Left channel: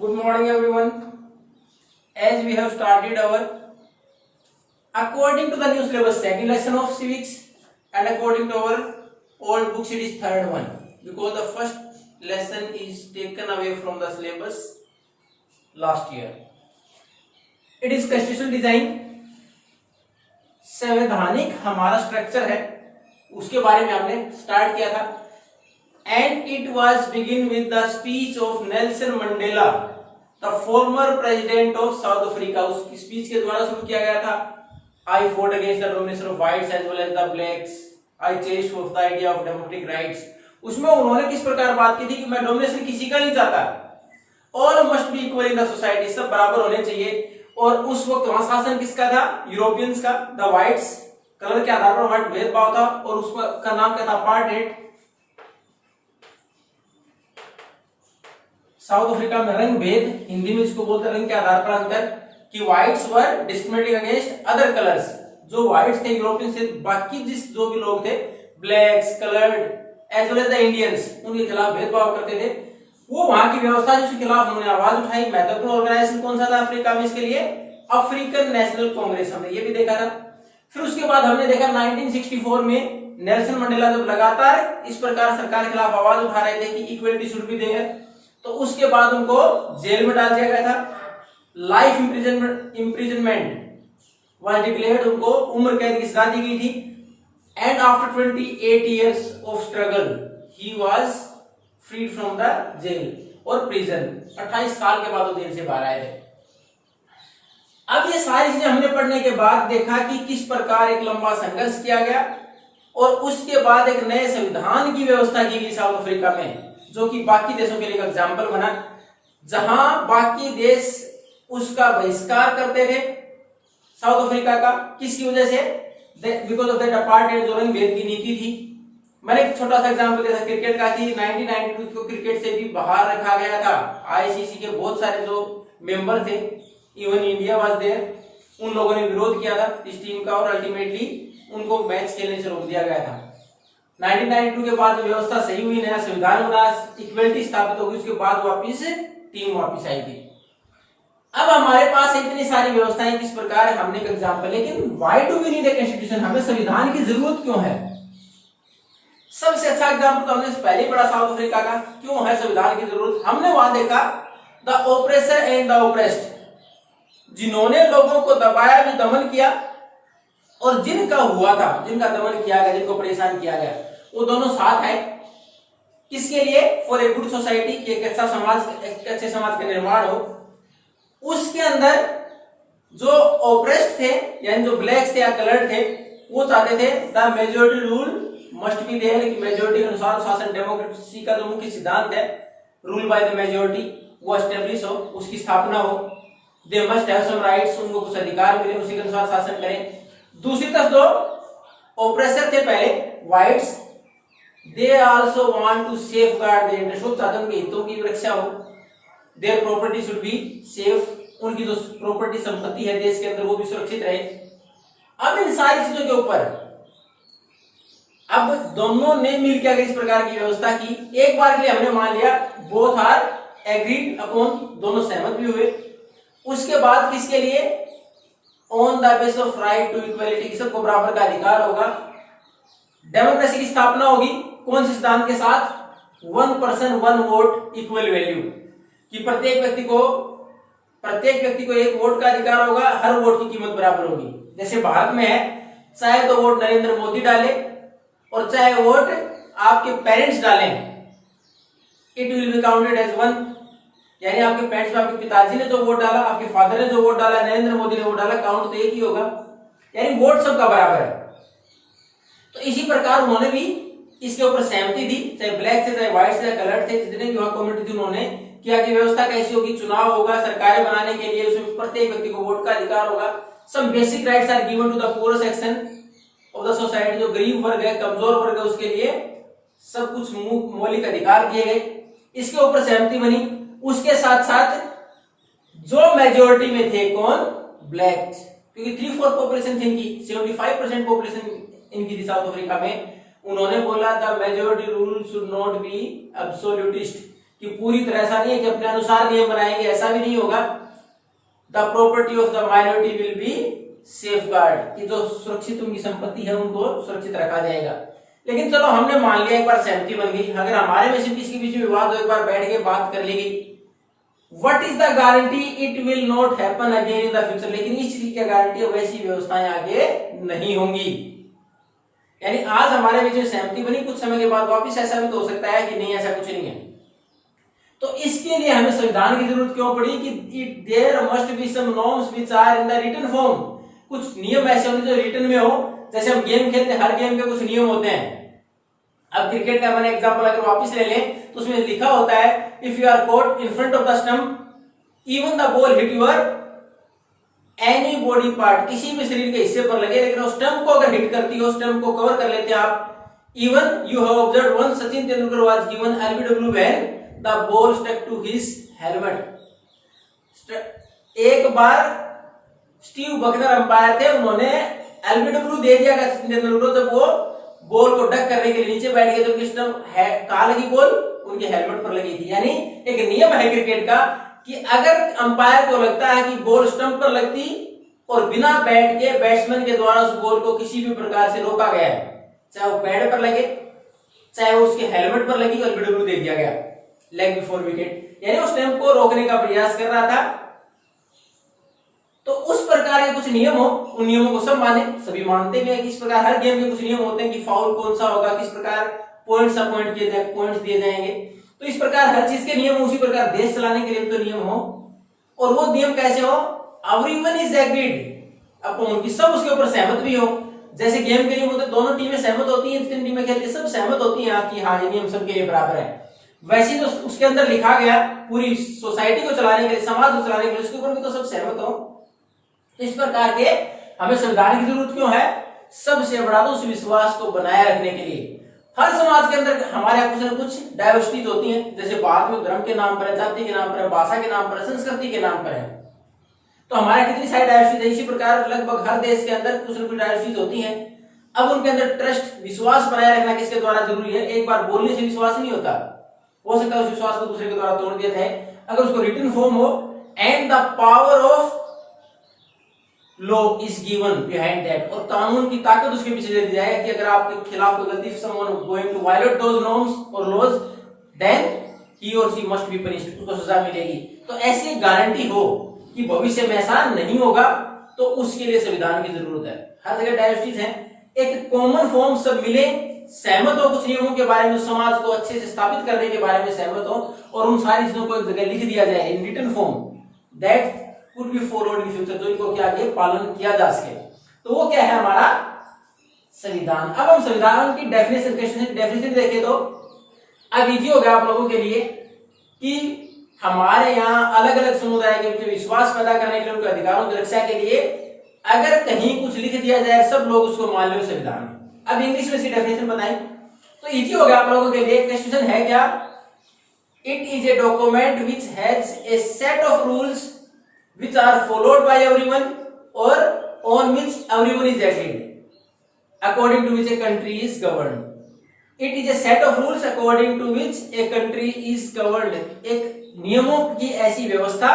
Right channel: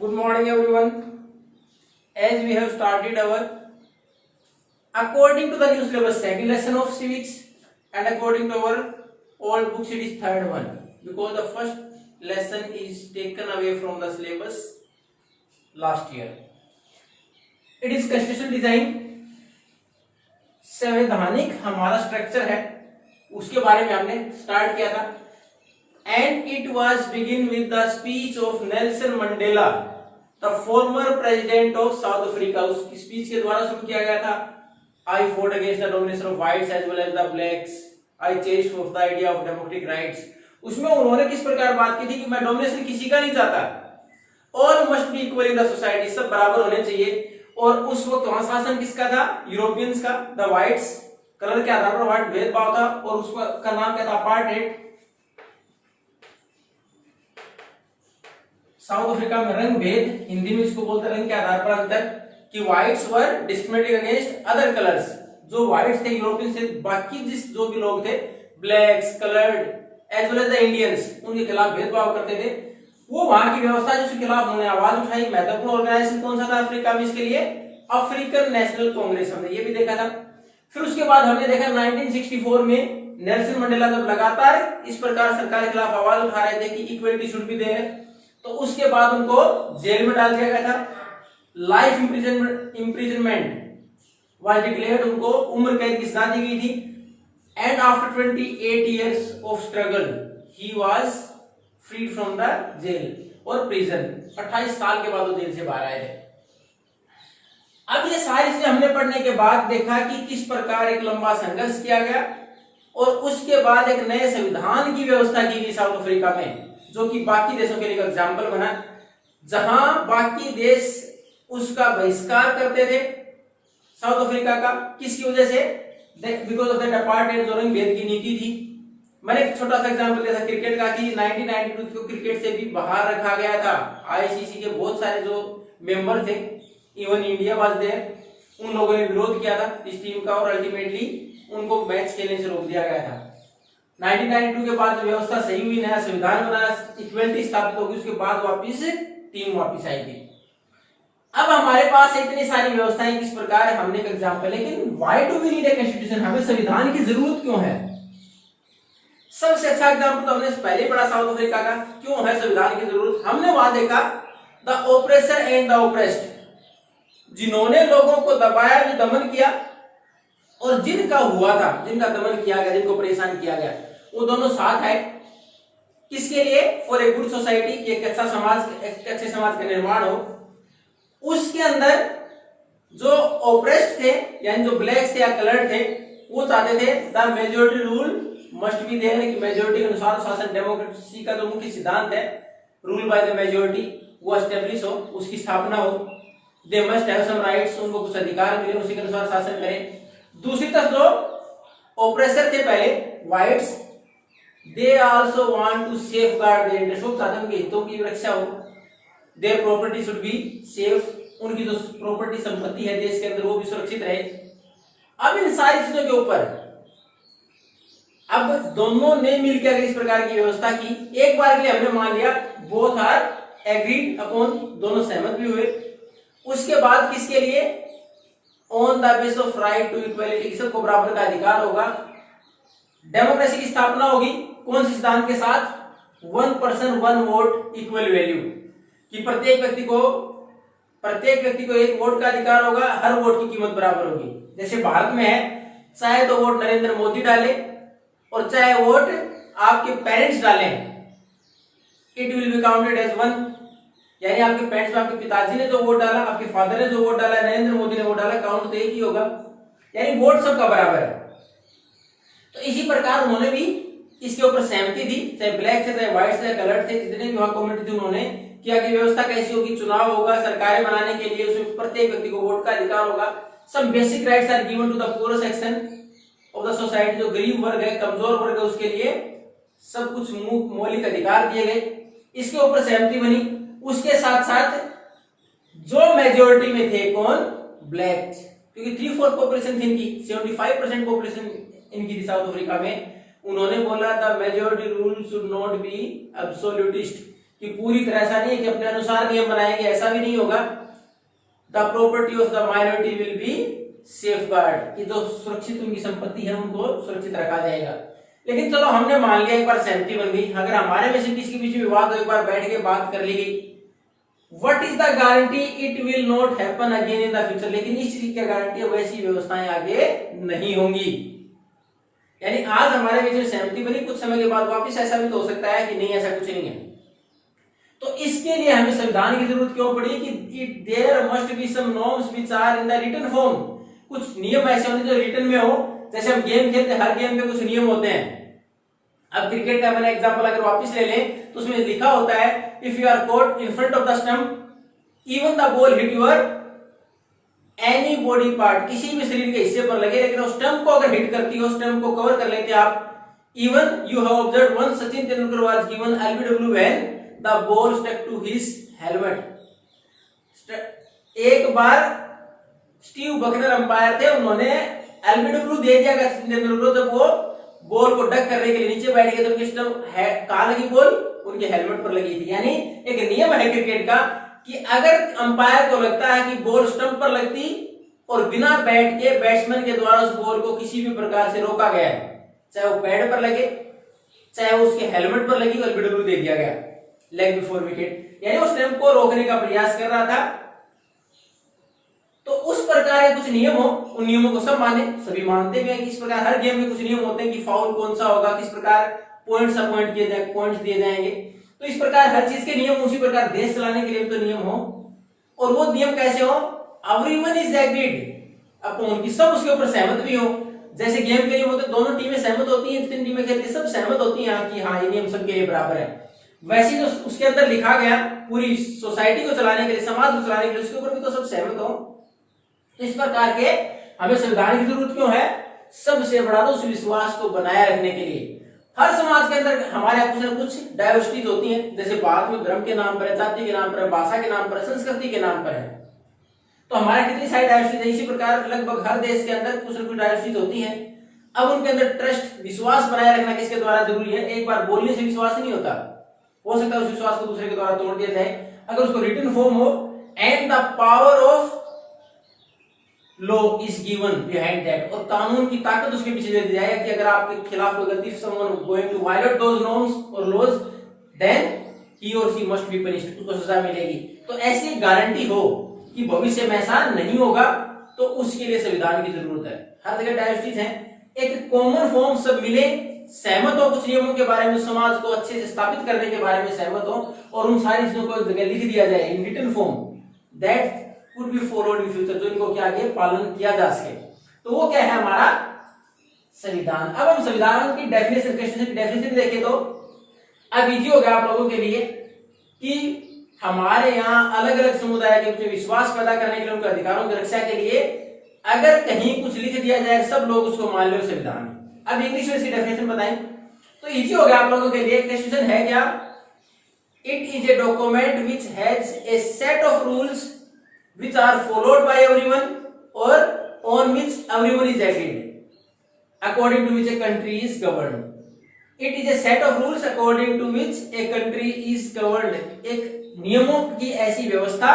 Good morning, everyone. As we have started our according to the new syllabus second lesson of civics, and according to our old books it is third one, because the first lesson is taken away from the syllabus last year. It is constitutional design. संवैधानिक हमारा structure है, उसके बारे में हमने start किया था. And it was begin with the speech of Nelson Mandela, the former president of South Africa. उसकी स्पीच के द्वारा शुरू किया गया था. I fought against the domination of whites as well as the blacks. I chased for the idea of democratic rights. उसमें उन्होंने किस प्रकार बात की थी कि मैं डोमिनेशन किसी का नहीं चाहता, और must be equal in the society, सब बराबर होने चाहिए. और उस वक्त वहां शासन किसका था? यूरोपियंस का. द व्हाइट्स कलर के आधार पर व्हाइट भेदभाव था, और उसका नाम क्या था? अपार्टहेड. साउथ अफ्रीका में रंग भेद, हिंदी में इसको बोलते हैं रंग के आधार पर अंतर, कि whites were discriminating against other colours. जो व्हाइट्स थे यूरोपियन से, बाकी जो भी लोग थे, blacks, coloured as well as the Indians, उनके खिलाफ भेदभाव करते थे. वो वहां की व्यवस्था जिसके खिलाफ उन्होंने आवाज उठाई. महत्वपूर्ण ऑर्गेनाइजेशन कौन सा था अफ्रीका में इसके लिए? African national Congress. हमने ये भी देखा था. फिर उसके बाद हमने देखा 1964 में नेल्सन मंडेला जब लगातार इस प्रकार सरकार के खिलाफ आवाज उठा रहे थे कि इक्वलिटी शुड बी देयर, तो उसके बाद उनको जेल में डाल दिया गया था. लाइफ इम्प्रिजनमेंट वाज डिक्लेयर्ड, उनको उम्र कैद की सजा दी गई थी. And after 28 years of struggle he was freed from the jail और प्रिजन. 28 साल के बाद वो जेल से बाहर आए थे. अब ये सारी चीजें हमने पढ़ने के बाद देखा कि किस प्रकार एक लंबा संघर्ष किया गया, और उसके बाद एक नए संविधान की व्यवस्था की गई साउथ अफ्रीका में, जो कि बाकी देशों के लिए एग्जाम्पल बना. जहां बाकी देश उसका बहिष्कार करते थे साउथ अफ्रीका का, किसकी वजह से? बिकॉज ऑफ दैट अपार्टहेड, जो रंग भेद की नीति थी. मैंने एक छोटा सा एग्जांपल दिया था क्रिकेट का, कि 1992 को क्रिकेट से भी बाहर रखा गया था. आईसीसी के बहुत सारे जो मेंबर थे, इवन इंडिया वाज देयर, उन लोगों ने विरोध किया था इस टीम का, और अल्टीमेटली उनको मैच खेलने से रोक दिया गया था. 1992 के बाद व्यवस्था सही हुई, नया संविधान बना, इक्वलिटी स्थापित हो गई, उसके बाद वापिस टीम वापिस आई थी. अब हमारे पास इतनी सारी व्यवस्थाएं किस प्रकार है, हमने एक एग्जांपल. लेकिन why do we need a constitution? हमें संविधान की जरूरत क्यों है? सबसे अच्छा एग्जांपल तो हमने पहले ही पढ़ा साउथ अफ्रीका का. क्यों है संविधान की जरूरत? हमने वहां देखा the oppressor and the oppressed, जिन्होंने लोगों को दबाया भी, दमन किया, और जिनका हुआ था, जिनका दमन किया गया, जिनको परेशान किया गया, वो दोनों साथ है. किसके लिए? फॉर ए गुड सोसाइटी, एक अच्छा समाज, एक अच्छे समाज का निर्माण हो. उसके अंदर जो ओप्रेस्ड थे, यानी जो ब्लैक्स थे या कलर्ड थे, वो चाहते थे the majority rule must be there, कि मेजोरिटी के अनुसार शासन, डेमोक्रेसी का जो मुख्य सिद्धांत है, रूल बाय द मेजोरिटी, वो एस्टेब्लिश हो, उसकी स्थापना हो. They must have some rights, उनको कुछ अधिकार मिले, उसी के अनुसार शासन करें. दूसरी तरफ जो ओप्रेसर थे पहले, whites, they also want to safeguard their interest, वो चाहते हैं उनके हितों की रक्षा हो. Their property should be safe, उनकी जो प्रॉपर्टी संपत्ति है देश के अंदर वो भी सुरक्षित रहे. अब इन सारी चीजों के ऊपर अब दोनों ने मिलकर अगर इस प्रकार की व्यवस्था की, एक बार के लिए हमने मान लिया बोथ आर एग्रीड अपॉन, दोनों सहमत भी हुए. उसके बाद किसके लिए? On the base of right to equality, सबको बराबर का अधिकार होगा. डेमोक्रेसी की स्थापना होगी, कौन से सिद्धांत के साथ? 1 person 1 वोट इक्वल वैल्यू, कि प्रत्येक व्यक्ति को एक वोट का अधिकार होगा, हर वोट की कीमत बराबर होगी. जैसे भारत में है, चाहे तो वोट नरेंद्र मोदी डाले और चाहे वोट आपके पेरेंट्स डालें, it will be counted as 1. यानी आपके पेरेंट्स में आपके पिताजी ने जो वोट डाला, आपके फादर ने जो वोट डाला, नरेंद्र मोदी ने वोट डाला, काउंट तो एक ही होगा. यानी वोट सबका बराबर है. तो इसी प्रकार उन्होंने भी इसके ऊपर सहमति दी, चाहे ब्लैक से, चाहे व्हाइट से, कलर्ड थे, जितने भी वहां कम्युनिटी थी, उन्होंने किया कि व्यवस्था कैसी होगी, चुनाव होगा, सरकारें बनाने के लिए उसमें प्रत्येक व्यक्ति को वोट का अधिकार होगा. Some basic rights are given to the poor section of the society, जो गरीब वर्ग है, कमजोर वर्ग है, उसके लिए सब कुछ मौलिक अधिकार दिए गए. इसके ऊपर सहमति बनी. उसके साथ साथ जो मेजोरिटी में थे, कौन? ब्लैक, क्योंकि 3/4 पॉपुलेशन थी इनकी, 75% पॉपुलेशन इनकी थी साउथ अफ्रीका में. उन्होंने बोला था majority rule should not be absolutist, कि पूरी तरह ऐसा नहीं है कि अपने अनुसार नियम बनाएंगे, ऐसा भी नहीं होगा। The property of the minority will be safeguard, कि जो सुरक्षित उनकी संपत्ति है उनको सुरक्षित रखा जाएगा। लेकिन चलो हमने मान लिया, एक बार सहमति बन गई, अगर हमारे में से किसी के बीच में विवाद हो, एक बार बैठ के बात कर ली गई, what is the guarantee it will not happen again in the future, लेकिन इस चीज की गारंटी वैसी व्यवस्थाएं आगे नहीं होंगी। यानी आज हमारे बीच में सहमति बनी, कुछ समय के बाद वापस ऐसा भी तो हो सकता है कि नहीं, ऐसा कुछ नहीं है। तो इसके लिए हमें संविधान की जरूरत क्यों पड़ी कि there must be some norms which are in the written form, कुछ नियम ऐसे होने जो रिटन में हो। जैसे हम गेम खेलते हैं, हर गेम में कुछ नियम होते हैं। अब क्रिकेट का मैंने एग्जांपल अगर वापस ले लें तो उसमें लिखा होता है if you are caught in front of the stump even the ball hit your any body part, किसी भी शरीर के हिस्से पर लगे, लेकिन उस स्टंप को अगर हिट करती हो, स्टंप को कवर कर लेते हैं आप। Even you have observed one Sachin Tendulkar was given LBW when the ball stuck to his helmet. एक बार स्टीव बकनर अंपायर थे, उन्होंने एलबीडब्ल्यू दे दिया सचिन तेंदुलकर जब वो बॉल को डक करने के लिए नीचे बैठ गए, तो उनकी स्टंप कहां लगी, बॉल उनके हेलमेट पर लगी थी। यानी एक नियम है क्रिकेट का कि अगर अंपायर को लगता है कि बॉल स्टंप पर लगती और बिना बैट के बैट्समैन के द्वारा उस बॉल को किसी भी प्रकार से रोका गया है, चाहे वो पैड पर लगे चाहे वो उसके हेलमेट पर लगी, और एलबीडब्ल्यू दे दिया गया, लेग बिफोर विकेट, यानी वो स्टंप को रोकने का प्रयास कर रहा था। तो उस प्रकार के कुछ नियम हो, उन नियमों को सब माने, सभी मानते भी हैं कि इस प्रकार हर गेम में कुछ नियम होते हैं कि फाउल कौन सा होगा, किस प्रकार पॉइंट्स अपॉइंट किए जाए, पॉइंट्स दिए जाएंगे। तो इस प्रकार हर चीज के नियम, उसी प्रकार देश चलाने के लिए तो नियम हो, और वो नियम कैसे हो, एवरीवन इज एग्रीड अपॉन, कि सब उसके ऊपर सहमत भी हो। जैसे गेम के नियम होते हैं, दोनों टीमें सहमत होती हैं, तीन टीमें खेलती हैं, सब सहमत होती हैं कि हाँ ये नियम सबके लिए बराबर है। वैसे तो उसके अंदर लिखा गया पूरी सोसाइटी को चलाने के लिए, समाज को चलाने के लिए, उसके ऊपर भी तो सब सहमत हो। इस प्रकार के हमें संविधान की जरूरत क्यों है, सबसे बड़ा तो उस विश्वास को बनाए रखने के लिए। हर समाज के अंदर हमारे यहाँ कुछ न कुछ डाइवर्सिटीज होती हैं, जैसे भारत में धर्म के नाम पर है, जाति के नाम पर है, भाषा के नाम पर है, संस्कृति के नाम पर है। तो हमारे कितनी सारी डाइवर्सिटीज है, इसी प्रकार लगभग हर देश के अंदर कुछ न कुछ डाइवर्सिटीज होती हैं। अब उनके अंदर ट्रस्ट, विश्वास बनाए रखना किसके द्वारा जरूरी है, एक बार बोलने से विश्वास नहीं होता, हो सकता है उस विश्वास को दूसरे के द्वारा तोड़ दिया जाए। अगर उसको रिटन फॉर्म हो, and the power of law is given behind that, और कानून की ताकत उसके पीछे दे दी जाए कि अगर आपके खिलाफ कोई गलती, someone going to violate those norms और लॉज, देन ही और शी मस्ट बी पनिश्ड, उसको सजा मिलेगी। तो ऐसी गारंटी हो कि भविष्य में ऐसा नहीं होगा, तो उसके लिए संविधान की जरूरत है। हर जगह डाइवर्सिटीज है, एक कॉमन फॉर्म सब मिले, सहमत हो कुछ नियमों के बारे में, समाज को अच्छे से स्थापित करने के बारे में सहमत हो, और उन सारी चीजों को एक जगह लिख दिया जाए in written form, that could be followed in future, जो इनको क्या आगे पालन किया जा सके। तो वो क्या है हमारा संविधान। अब हम संविधान की डेफिनेशन देखें तो अब इजी हो गया आप लोगों के लिए कि हमारे यहाँ अलग अलग समुदाय के बीच विश्वास पैदा करने के लिए, उनके अधिकारों की रक्षा के लिए अगर कहीं कुछ लिख दिया जाए, सब लोग उसको मान लो संविधान। अब इंग्लिश में इसकी डेफिनेशन बताएं तो इजी हो गया आप लोगों के लिए। क्वेश्चन है क्या, it is a document which has a set of rules which are followed by everyone or on which everyone is agreed, according to which a country is governed. It is a set of rules according to which a country is governed. एक नियमों की ऐसी व्यवस्था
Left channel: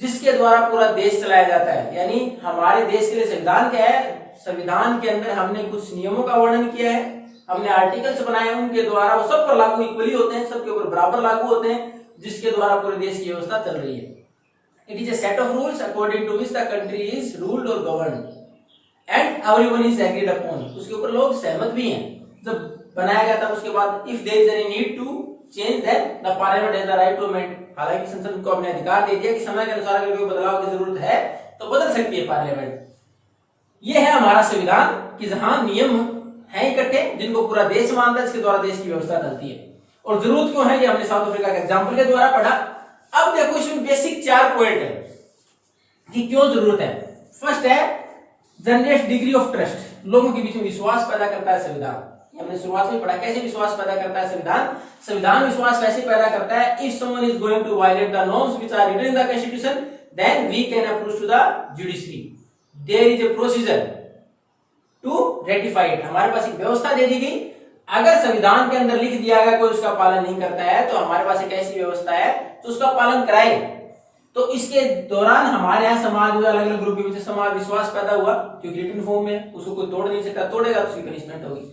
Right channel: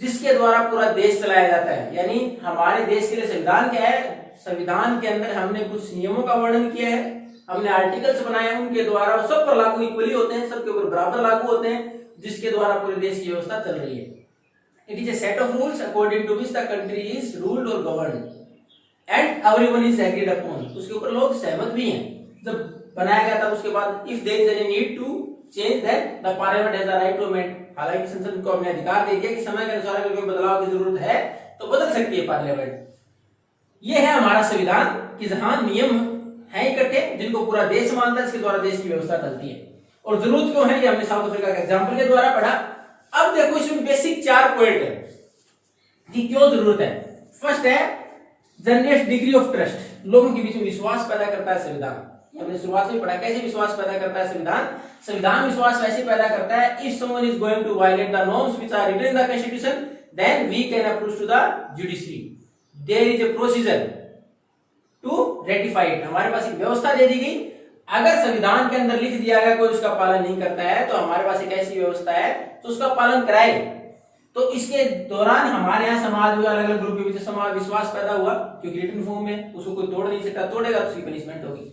जिसके द्वारा पूरा देश चलाया जाता है। यानी हमारे देश के लिए संविधान क्या है, संविधान के अंदर हमने कुछ नियमों का वर्णन किया है, हमने आर्टिकल्स बनाए हैं, उनके द्वारा वो सब पर लागू इक्वली होते हैं, सबके ऊपर बराबर लागू होते हैं, जिसके द्वारा पूरे देश की व्यवस्था चल रही है। It is a set of rules according to which the country is ruled or governed and everyone is agreed upon. उसके ऊपर लोग सहमत भी हैं। जब बनाया गया था उसके बाद if there is any need to change then the parliament has the right to amend. हालांकि संसद को अपने अधिकार दे दिया कि समय के अनुसार अगर कोई बदलाव की जरूरत है तो बदल सकती है पार्लियामेंट। ये है हमारा संविधान कि जहां नियम हैं इकट्ठे जिनको पूरा देश मानता है, जिसके द्वारा देश की व्यवस्था चलती है। और जरूरत क्यों है ये हमने साउथ अफ्रीका के एग्जाम्पल के द्वारा पढ़ा। अब देखो इसमें बेसिक 4 पॉइंट है कि क्यों जरूरत है। फर्स्ट है जनरेट डिग्री ऑफ ट्रस्ट, लोगों के बीच में विश्वास पैदा करता है संविधान। हमने शुरुआत में पढ़ा कैसे विश्वास पैदा करता है संविधान। संविधान विश्वास वैसे पैदा करता है if someone is going to violate the norms which are written in the constitution then we can approach to the judiciary, there is a procedure to ratify it. हमारे पास एक व्यवस्था दे दी गई, अगर संविधान के अंदर लिख दिया गया कोई उसका पालन नहीं करता है तो हमारे पास एक ऐसी व्यवस्था है तो उसका पालन कराए। तो इसके दौरान हमारे यहाँ समाज में अलग अलग ग्रुप के बीच समाज विश्वास पैदा हुआ क्योंकि रिटन फॉर्म में उसको कोई तोड़ नहीं सकता, तोड़ेगा तो उसकी पनिशमेंट होगी।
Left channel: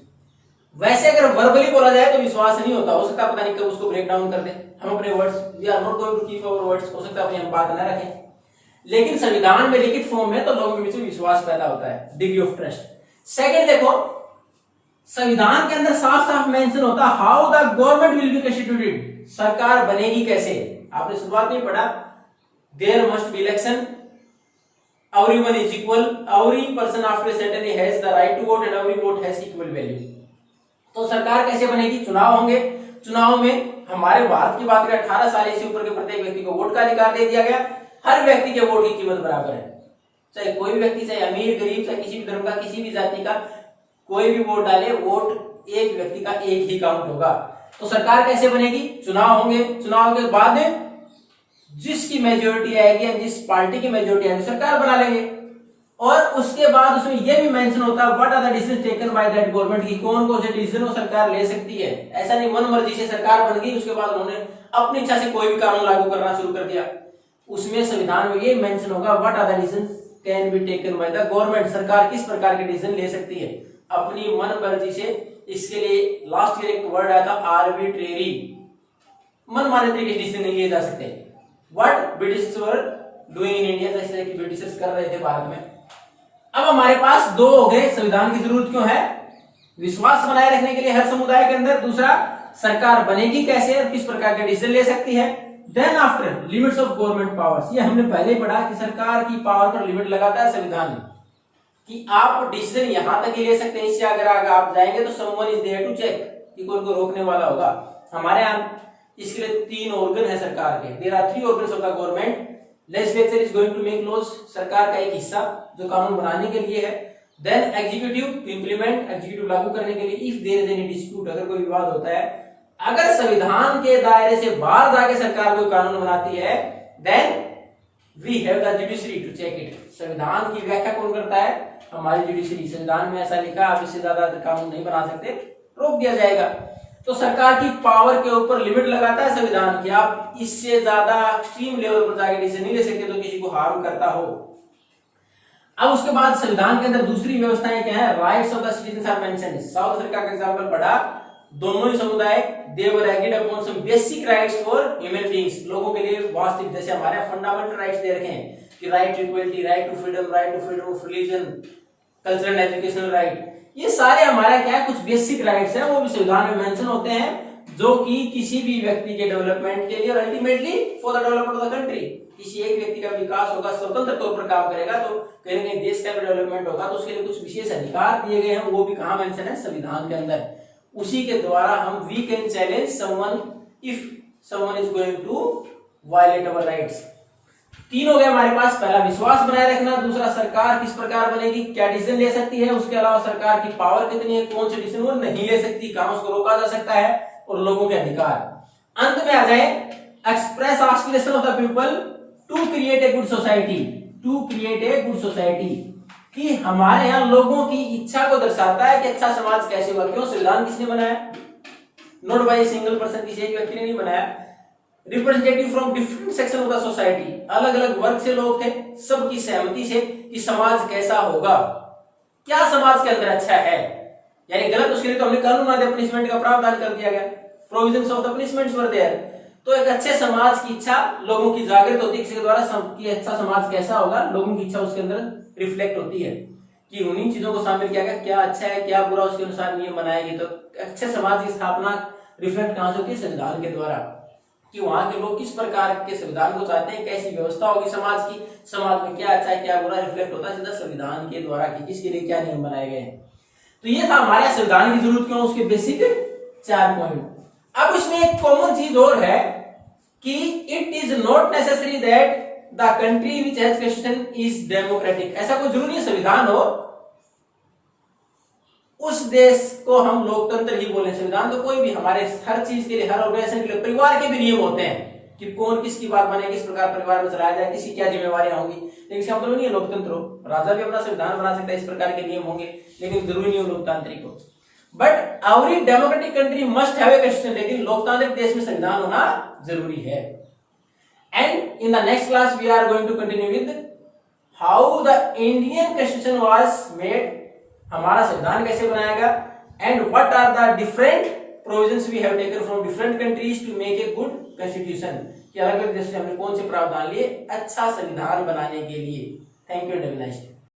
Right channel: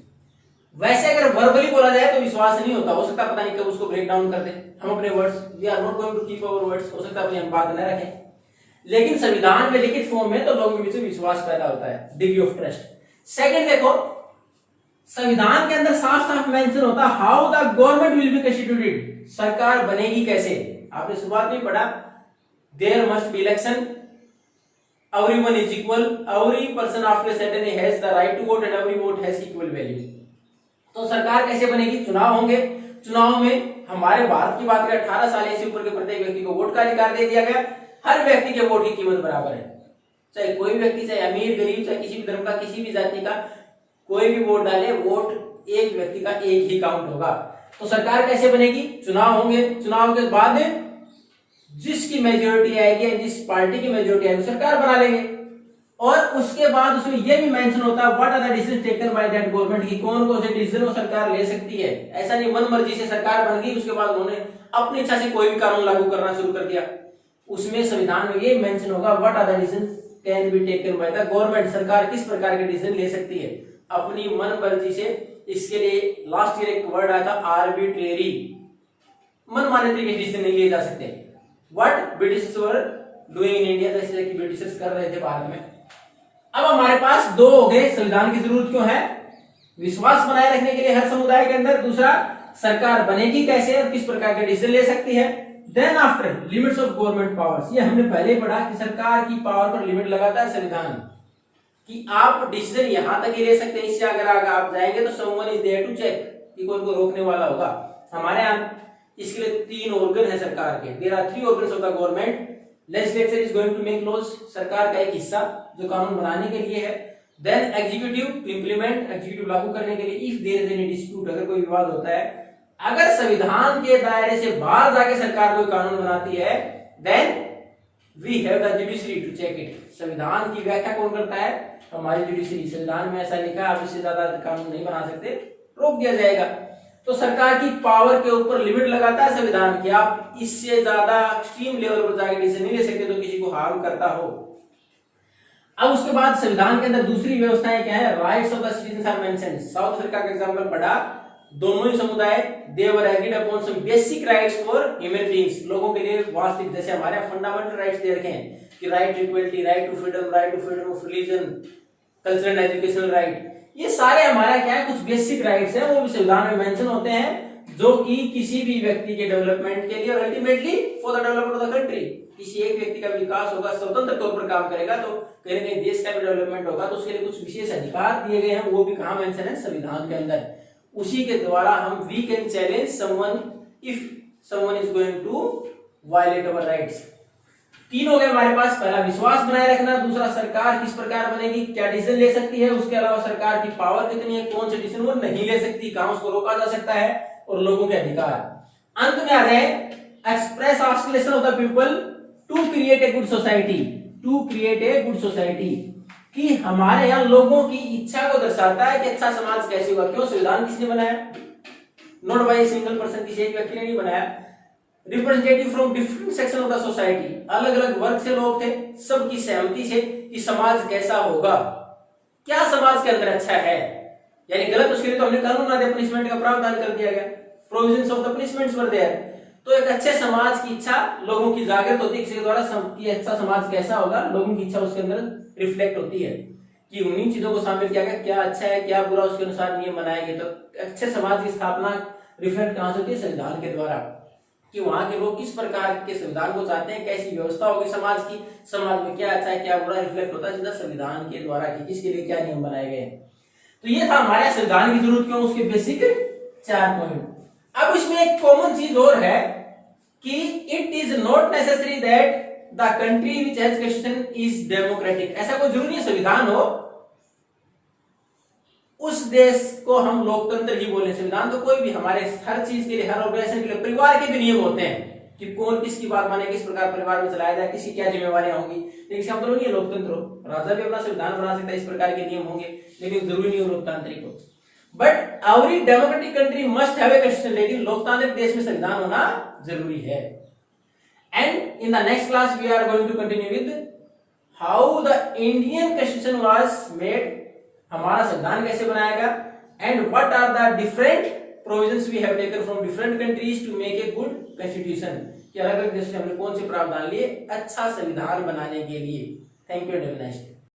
वैसे अगर वर्बली बोला जाए तो विश्वास नहीं होता, हो सकता पता नहीं कब उसको ब्रेक डाउन कर दे। हम अपने words, we are not going to keep our words, हो सकता है अपनी हम बात न रखें, लेकिन संविधान में लिखित फॉर्म में तो लोगों के बीच में विश्वास पैदा होता है, डिग्री ऑफ ट्रस्ट। सेकंड देखो, संविधान के अंदर साफ साफ मेंशन होता है how the government will be constituted, सरकार बनेगी कैसे। आपने शुरुआत में पढ़ा, there must be election, everyone is equal, every person after a certain age has the right to vote and every vote has equal value। तो सरकार कैसे बनेगी, चुनाव होंगे, चुनाव में हमारे भारत की बात करें 18 साल से ऊपर के प्रत्येक व्यक्ति को वोट का अधिकार दे दिया गया। हर व्यक्ति के वोट की कीमत बराबर है, चाहे कोई भी व्यक्ति, चाहे अमीर गरीब, चाहे किसी भी धर्म का, किसी भी जाति का, कोई भी वोट डाले, वोट एक व्यक्ति का एक ही काउंट होगा। तो सरकार कैसे बनेगी, चुनाव होंगे, चुनाव के बाद जिसकी मेजोरिटी आएगी, जिस पार्टी की मेजोरिटी आएगी सरकार बना लेंगे। और उसके बाद उसमें यह भी मेंशन होता है what are the decision taken by that government, की कौन कौन से डिसीजन वो सरकार ले सकती है। ऐसा नहीं मन मर्जी से सरकार बन गई उसके बाद उन्होंने अपनी इच्छा से कोई भी कानून लागू करना शुरू कर दिया। उसमें संविधान में ये मेंशन होगा what are the decision can be taken by the government, सरकार किस प्रकार के डिसीजन ले सकती है अपनी मन मर्जी से। इसके लिए लास्ट ईयर एक वर्ड आया था आर्बिट्रेरी, मनमाने तरीके से डिसीजन नहीं लिए जा सकते। What British were doing in India, जैसे कि ब्रिटिशर्स कर रहे थे भारत में। अब हमारे पास दो हो गए, संविधान की जरूरत क्यों है, विश्वास बनाए रखने के लिए हर समुदाय के अंदर, दूसरा सरकार बनेगी कैसे और किस प्रकार के डिसीजन ले सकती है। Then after limits of government powers, ये हमने पहले ही पढ़ा कि सरकार की पावर पर लिमिट लगाता है संविधान कि आप डिसीजन यहां तक ही ले सकते हैं, इससे अगर आप जाएंगे तो someone is there to check, कि कोई को रोकने वाला होगा। हमारे यहाँ इसके लिए 3 ऑर्गन है सरकार के, there are 3 organs of the government. Legislature is going to make laws, सरकार का एक हिस्सा जो कानून बनाने के लिए है। Then executive to implement, executive लागू करने के लिए। If there is any dispute, अगर कोई विवाद होता है, अगर संविधान के दायरे से बाहर जाके सरकार कोई कानून बनाती है, then we have the judiciary to check it. संविधान की व्याख्या कौन करता है, हमारी जुडिशरी। संविधान में ऐसा लिखा है आप इससे ज्यादा कानून नहीं बना सकते, रोक दिया जाएगा। तो सरकार की पावर के ऊपर लिमिट लगाता है संविधान की, आप इससे ज्यादा एक्सट्रीम लेवल पर जाके डिसीजन नहीं ले सकते तो किसी को हार्म करता हो। अब उसके बाद संविधान के अंदर दूसरी व्यवस्थाएं क्या है, rights of the citizen are mentioned. South Africa का एग्जांपल पढ़ा, दोनों ही समुदाय they were agreed upon some basic rights for human beings, लोगों के लिए वास्तविक, जैसे हमारे फंडामेंटल राइट्स दे रखे हैं कि right to equality, right to freedom of religion, cultural educational right, ये सारे हमारा क्या है कुछ बेसिक राइट्स हैं, वो भी संविधान में मेंशन होते हैं, जो कि किसी भी व्यक्ति के डेवलपमेंट के लिए और ultimately for the development of the country, किसी एक व्यक्ति का विकास होगा, स्वतंत्र तौर पर काम करेगा तो कहीं ना कहीं देश का भी डेवलपमेंट होगा, तो उसके लिए कुछ विशेष अधिकार दिए गए हैं, वो भी कहां मेंशन है, संविधान के अंदर। उसी के द्वारा हम we can challenge someone if someone is going to violate our rights. 3 हो गए हमारे पास, पहला विश्वास बनाए रखना, दूसरा सरकार किस प्रकार बनेगी, क्या डिसीजन ले सकती है, उसके अलावा सरकार की पावर कितनी है, कौन से डिसीजन वो नहीं ले सकती, कहां उसको रोका जा सकता है, और लोगों के अधिकार। अंत में आ गए express aspiration of the people to create a good society, to create a good society, कि हमारे यहाँ लोगों की इच्छा को दर्शाता है कि अच्छा समाज कैसे होगा। क्यों, संविधान किसने बनाया, not by a single person, किसी एक व्यक्ति ने नहीं बनाया। Representative from different section of the society, अलग अलग वर्ग से लोग थे, सबकी सहमति से कि समाज कैसा होगा, क्या समाज के अंदर अच्छा है, यानी गलत उसके लिए तो हमने कानून बना दिया, पनिशमेंट का प्रावधान कर दिया गया, provisions of the punishments were there. तो एक अच्छे समाज की इच्छा लोगों की जागृत होती है, किसी के द्वारा कि अच्छा समाज कैसा होगा, लोगों की इच्छा उसके अंदर रिफ्लेक्ट होती है कि उन्हीं चीजों को शामिल किया गया, क्या अच्छा है क्या बुरा, उसके अनुसार नियम बनाए गए। तो अच्छे समाज की स्थापना रिफ्लेक्ट कहां से होती है, संविधान के द्वारा, कि वहां के लोग किस प्रकार के संविधान को चाहते हैं, कैसी व्यवस्था होगी समाज की, समाज में क्या अच्छा है क्या बुरा रिफ्लेक्ट होता है सीधा संविधान के द्वारा कि किसके लिए क्या नियम बनाए गए हैं। तो ये था हमारे संविधान की जरूरत क्यों, उसके बेसिक 4 पॉइंट। अब इसमें एक कॉमन चीज और है कि it is not necessary that the country which has constitution is democratic. ऐसा कोई जरूरी संविधान हो उस देश को हम लोकतंत्र ही बोले। संविधान तो कोई भी, हमारे हर चीज के लिए, हर ऑर्गेनाइजेशन के लिए परिवार के भी नियम होते हैं कि कौन किसकी बात माने, किस प्रकार परिवार में चलाया जाए, किसी क्या जिम्मेवारियां होंगी, लेकिन इसका मतलब नहीं है लोकतंत्र हो। राजा भी अपना संविधान बना सकता है, इस प्रकार के नियम होंगे, लेकिन जरूरी नहीं हो लोकतांत्रिक हो। But every democratic country must have a constitution, लेकिन लोकतांत्रिक देश में संविधान होना जरूरी है। And in the next class we are going to continue with how the Indian constitution was made, हमारा संविधान कैसे बनाया गया, and what are the different provisions we have taken from different countries to make a good constitution, कि अलग अलग देशों से हमने कौन से प्रावधान लिए अच्छा संविधान बनाने के लिए। Thank you and have a nice day.